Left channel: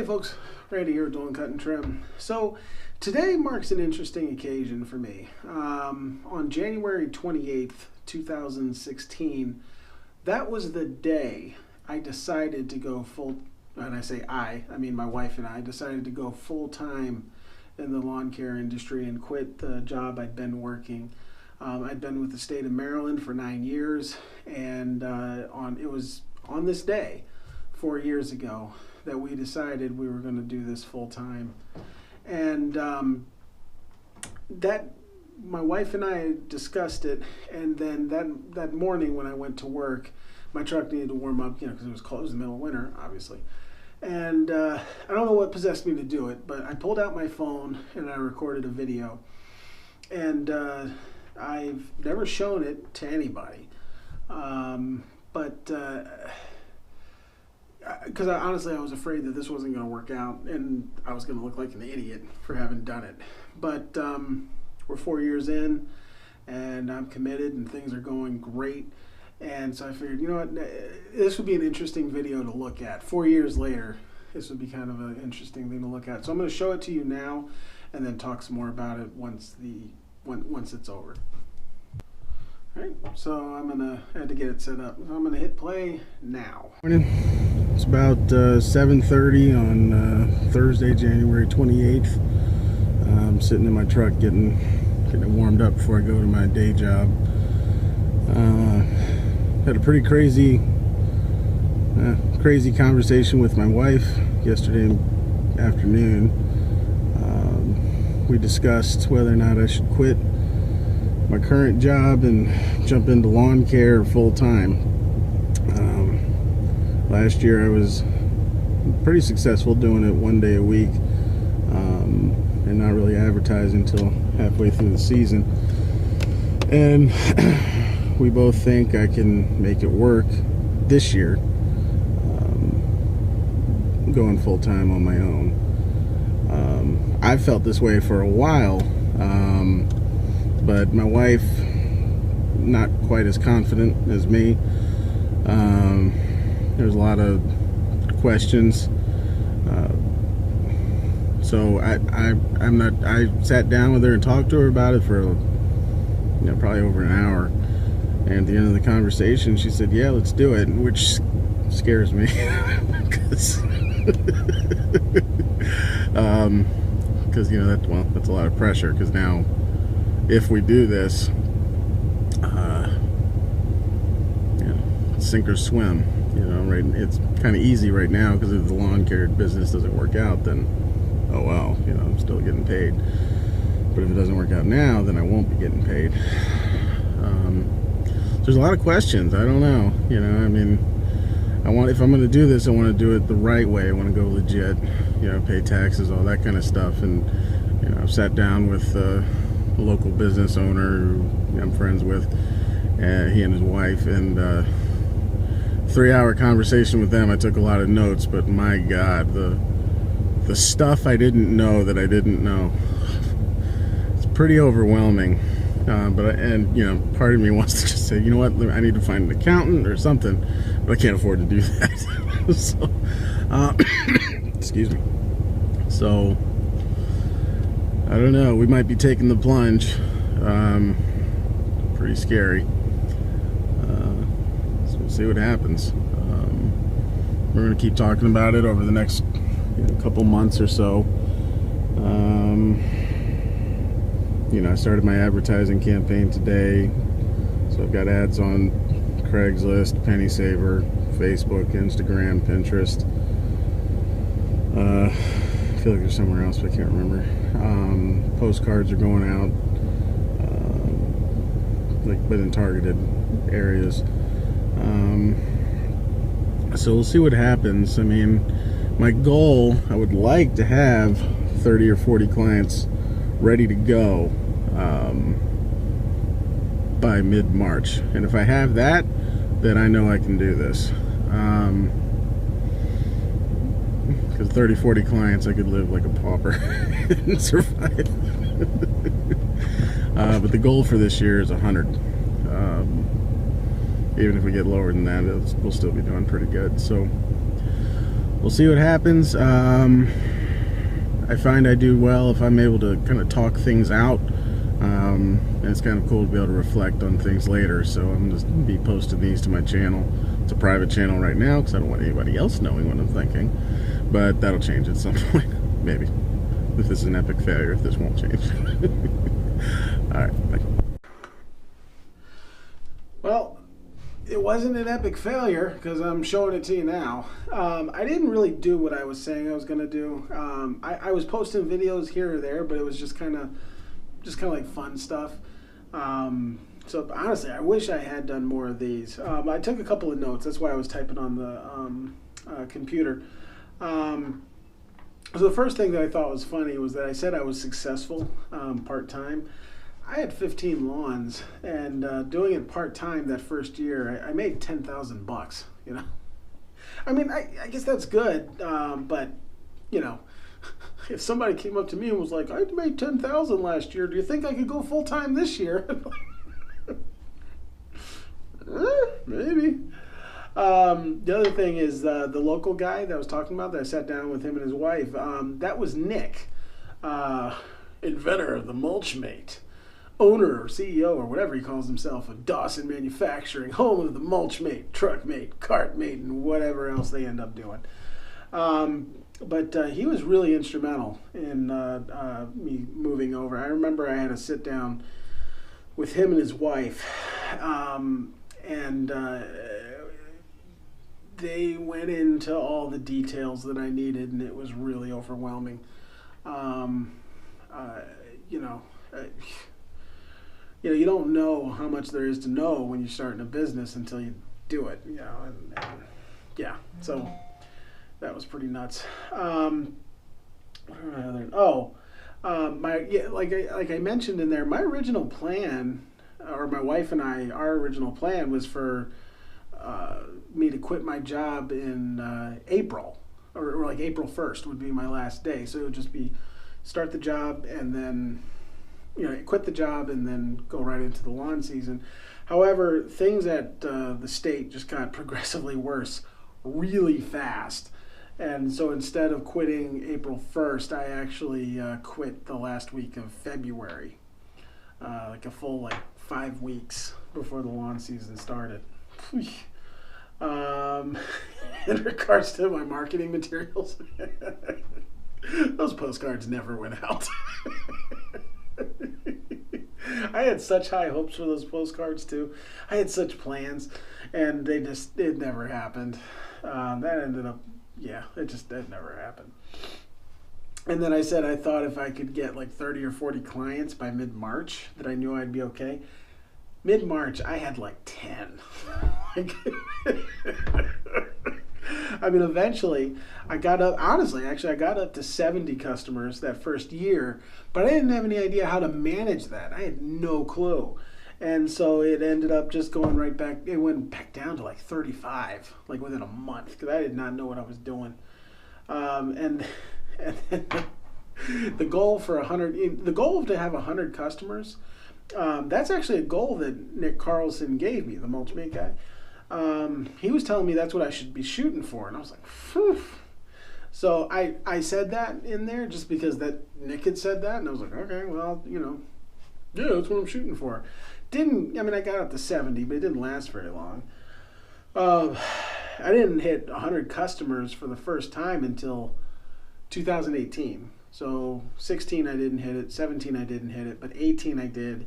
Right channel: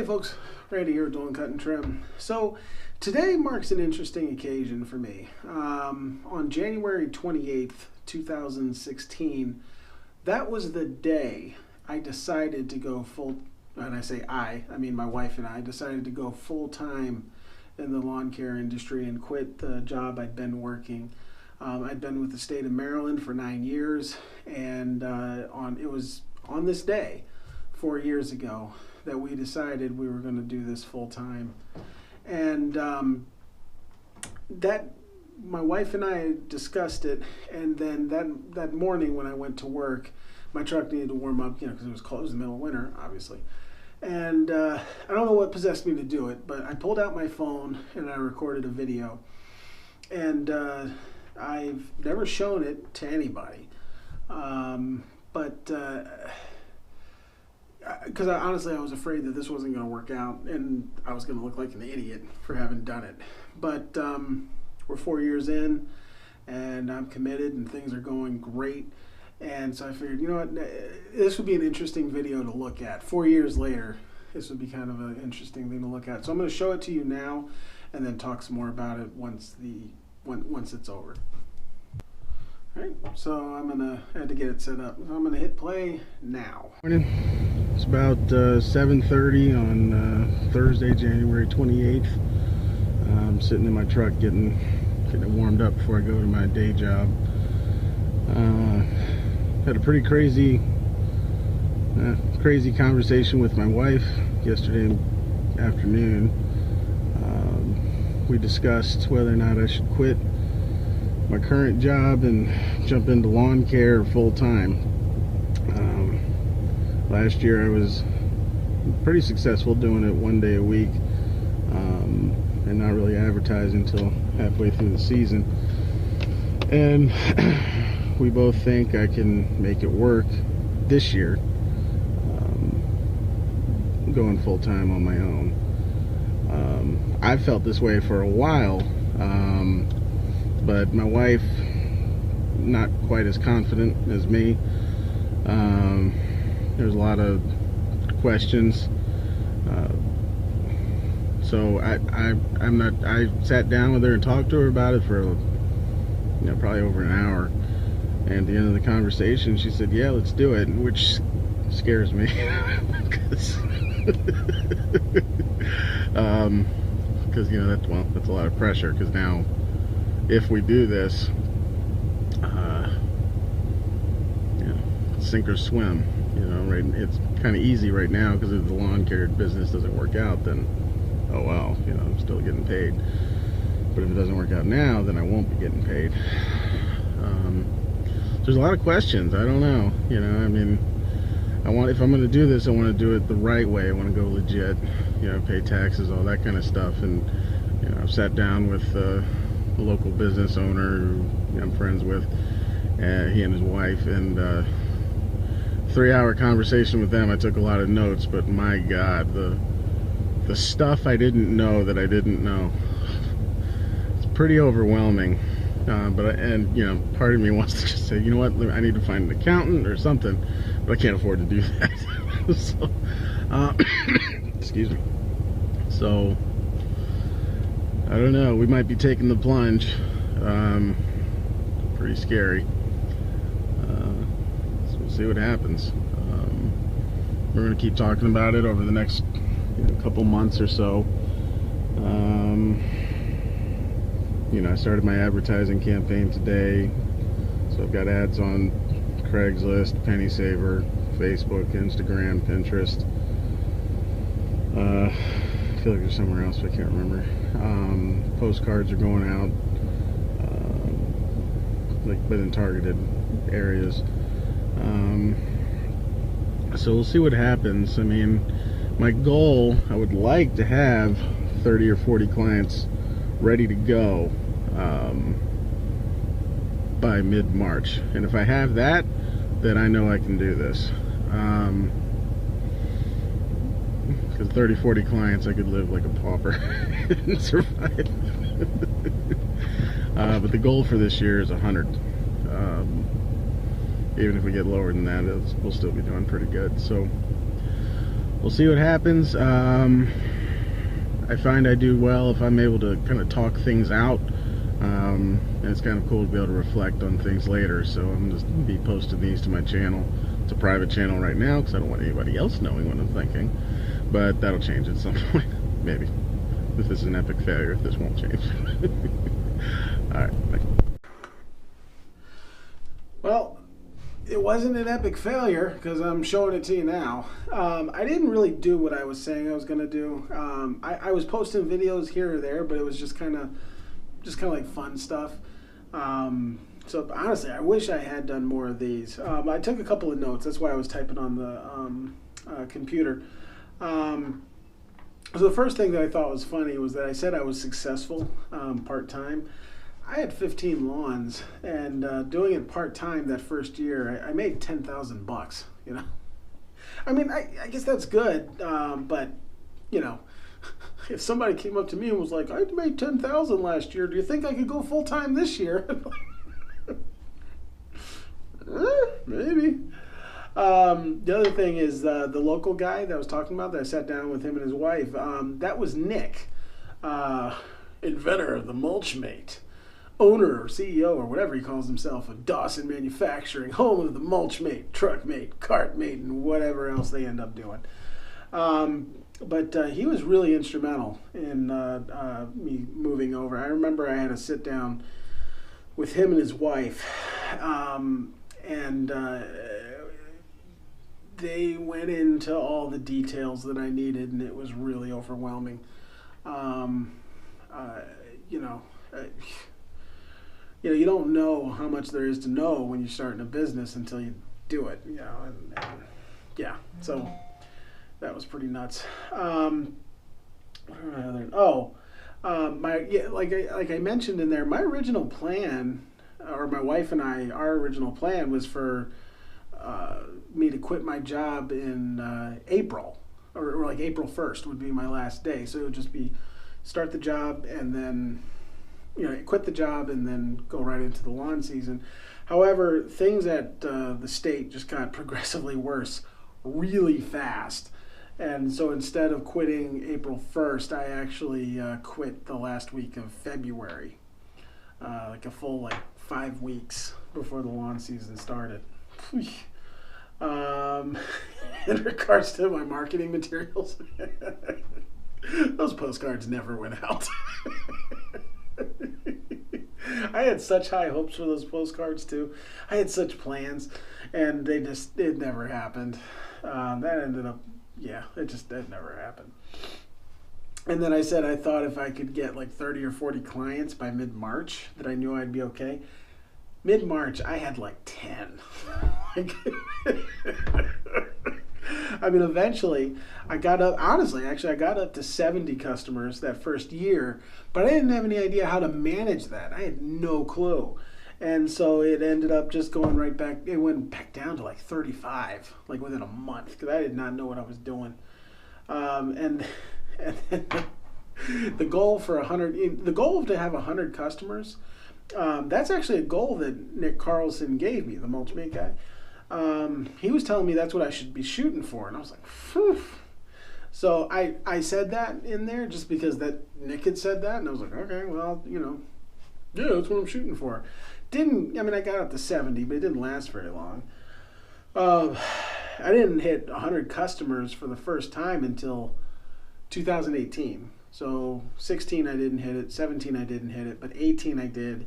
Hey folks, Randy here doing Cut and Trim. So today marks an interesting occasion for me. On January 28th, 2016, that was the day I decided to go full, and I say I mean my wife and I decided to go full-time in the lawn care industry and quit the job I'd been working. I'd been with the state of Maryland for 9 years, and it was on this day 4 years ago that we decided we were going to do this full time. And that my wife and I discussed it, and then that morning when I went to work, my truck needed to warm up, because it was cold. It was the middle of winter, obviously. And I don't know what possessed me to do it, but I pulled out my phone and I recorded a video. And I've never shown it to anybody, because honestly I was afraid that this wasn't going to work out and I was going to look like an idiot for having done it. But we're 4 years in and I'm committed and things are going great. And so I figured, you know what, this would be an interesting video to look at. 4 years later, this would be kind of an interesting thing to look at. So I'm going to show it to you now and then talk some more about it once it's over. Alright, so I had to get it set up. I'm gonna hit play now. Morning. It's about 7:30 on Thursday, January 28th. I'm sitting in my truck getting it warmed up before I go to my day job. Had a pretty crazy conversation with my wife yesterday afternoon. We discussed whether or not I should quit my current job and jump into lawn care full time. Last year I was pretty successful doing it 1 day a week, and not really advertising until halfway through the season. And we both think I can make it work this year, going full time on my own. I've felt this way for a while. But my wife, not quite as confident as me. There's a lot of questions. So I sat down with her and talked to her about it for probably over an hour. And at the end of the conversation, she said, "Yeah, let's do it," which scares me because that's a lot of pressure. Because now, if we do this, sink or swim. Right? It's kind of easy right now because if the lawn care business doesn't work out, then oh well, I'm still getting paid. But if it doesn't work out now, then I won't be getting paid. There's a lot of questions. I don't know. If I'm going to do this, I want to do it the right way. I want to go legit. Pay taxes, all that kind of stuff. And I've sat down with a local business owner who I'm friends with, he and his wife, and 3-hour conversation with them. I took a lot of notes, but my God, the stuff I didn't know that I didn't know, it's pretty overwhelming. Part of me wants to just say, you know what, I need to find an accountant or something, but I can't afford to do that. So, excuse me. So, I don't know, we might be taking the plunge. Pretty scary. So we'll see what happens. We're going to keep talking about it over the next couple months or so. I started my advertising campaign today. So I've got ads on Craigslist, Penny Saver, Facebook, Instagram, Pinterest. I feel like there's somewhere else, but I can't remember. Postcards are going out, but in targeted areas. So we'll see what happens. My goal, I would like to have 30 or 40 clients ready to go by mid-March. And if I have that, then I know I can do this. Because 30, 40 clients, I could live like a pauper and survive. But the goal for this year is 100. Even if we get lower than that, we'll still be doing pretty good. So we'll see what happens. I find I do well if I'm able to kind of talk things out. And it's kind of cool to be able to reflect on things later. So I'm just going to be posting these to my channel. It's a private channel right now because I don't want anybody else knowing what I'm thinking. But that'll change at some point, maybe. If this is an epic failure, if this won't change. Alright, bye. Well, it wasn't an epic failure because I'm showing it to you now. I didn't really do what I was saying I was going to do. I was posting videos here or there, but it was just kind of like fun stuff. So honestly, I wish I had done more of these. I took a couple of notes. That's why I was typing on the computer. So the first thing that I thought was funny was that I said I was successful part-time. I had 15 lawns, and doing it part-time that first year, I made $10,000, you know. I mean, I guess that's good, but, you know, if somebody came up to me and was like, I made $10,000 last year, do you think I could go full-time this year? Maybe. The other thing is the local guy that I was talking about that I sat down with him and his wife, that was Nick, inventor of the Mulchmate, owner or CEO or whatever he calls himself of Dawson Manufacturing, home of the Mulchmate, Truckmate, Cartmate, and whatever else they end up doing. But he was really instrumental in me moving over. I remember I had to sit down with him and his wife, and they went into all the details that I needed, and it was really overwhelming. You know, you don't know how much there is to know when you're starting a business until you do it. You know, and yeah, so that was pretty nuts. What are my other? Oh, like I mentioned in there, my original plan, or my wife and I, our original plan was for me to quit my job in April, or like April 1st would be my last day. So it would just be start the job and then, you know, quit the job and then go right into the lawn season. However, things at the state just got progressively worse really fast. And so instead of quitting April 1st, I actually quit the last week of February, like a full 5 weeks before the lawn season started. In regards to my marketing materials, those postcards never went out. I had such high hopes for those postcards too. I had such plans, and it never happened. That ended up, yeah, that never happened. And then I said I thought if I could get 30 or 40 clients by mid-March, that I knew I'd be okay. Mid-March, I had 10. I mean, eventually, I got up to 70 customers that first year, but I didn't have any idea how to manage that. I had no clue. And so it ended up just going right back. It went back down to 35, within a month, because I did not know what I was doing. And the goal to have 100 customers, that's actually a goal that Nick Carlson gave me, the Mulchmate guy. He was telling me that's what I should be shooting for, and I was like, phew. So I said that in there just because that Nick had said that, and I was like, okay, well, yeah, that's what I'm shooting for. I got up to 70, but it didn't last very long. I didn't hit 100 customers for the first time until 2018. So 16 I didn't hit it, 17 I didn't hit it, but 18 I did,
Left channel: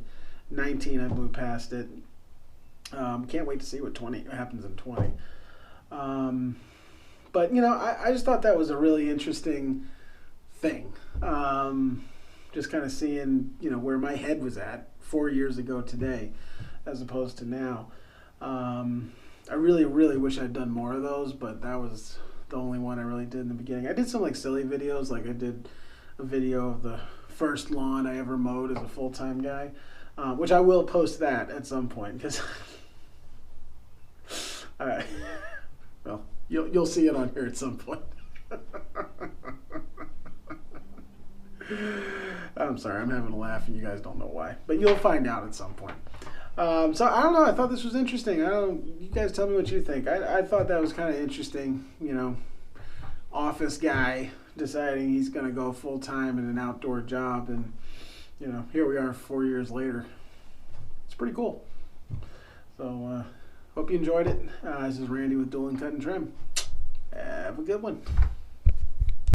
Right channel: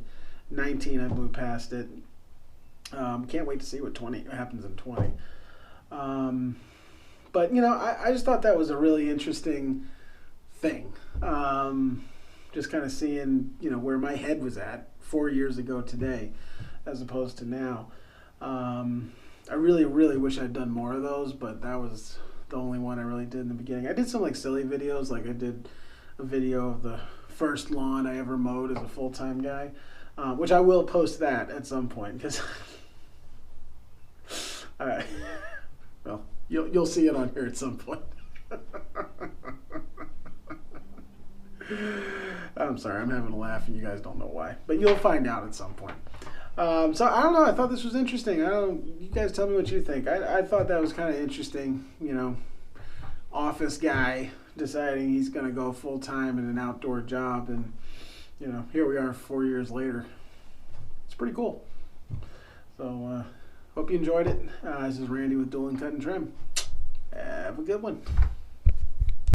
19 I blew past it. Can't wait to see what happens in 20. But I just thought that was a really interesting thing. Just kind of seeing where my head was at 4 years ago today, as opposed to now. I really, really wish I'd done more of those, but that was the only one I really did in the beginning. I did some silly videos, I did a video of the first lawn I ever mowed as a full-time guy, which I will post that at some point, because well, you'll see it on here at some point. I'm sorry, I'm having a laugh and you guys don't know why, but you'll find out at some point. So I don't know, I thought this was interesting. You guys tell me what you think. I thought that was kind of interesting, office guy deciding he's going to go full time in an outdoor job, and here we are 4 years later. It's pretty cool. So hope you enjoyed it. This is Randy with Dueling Cut and Trim. Have a good one.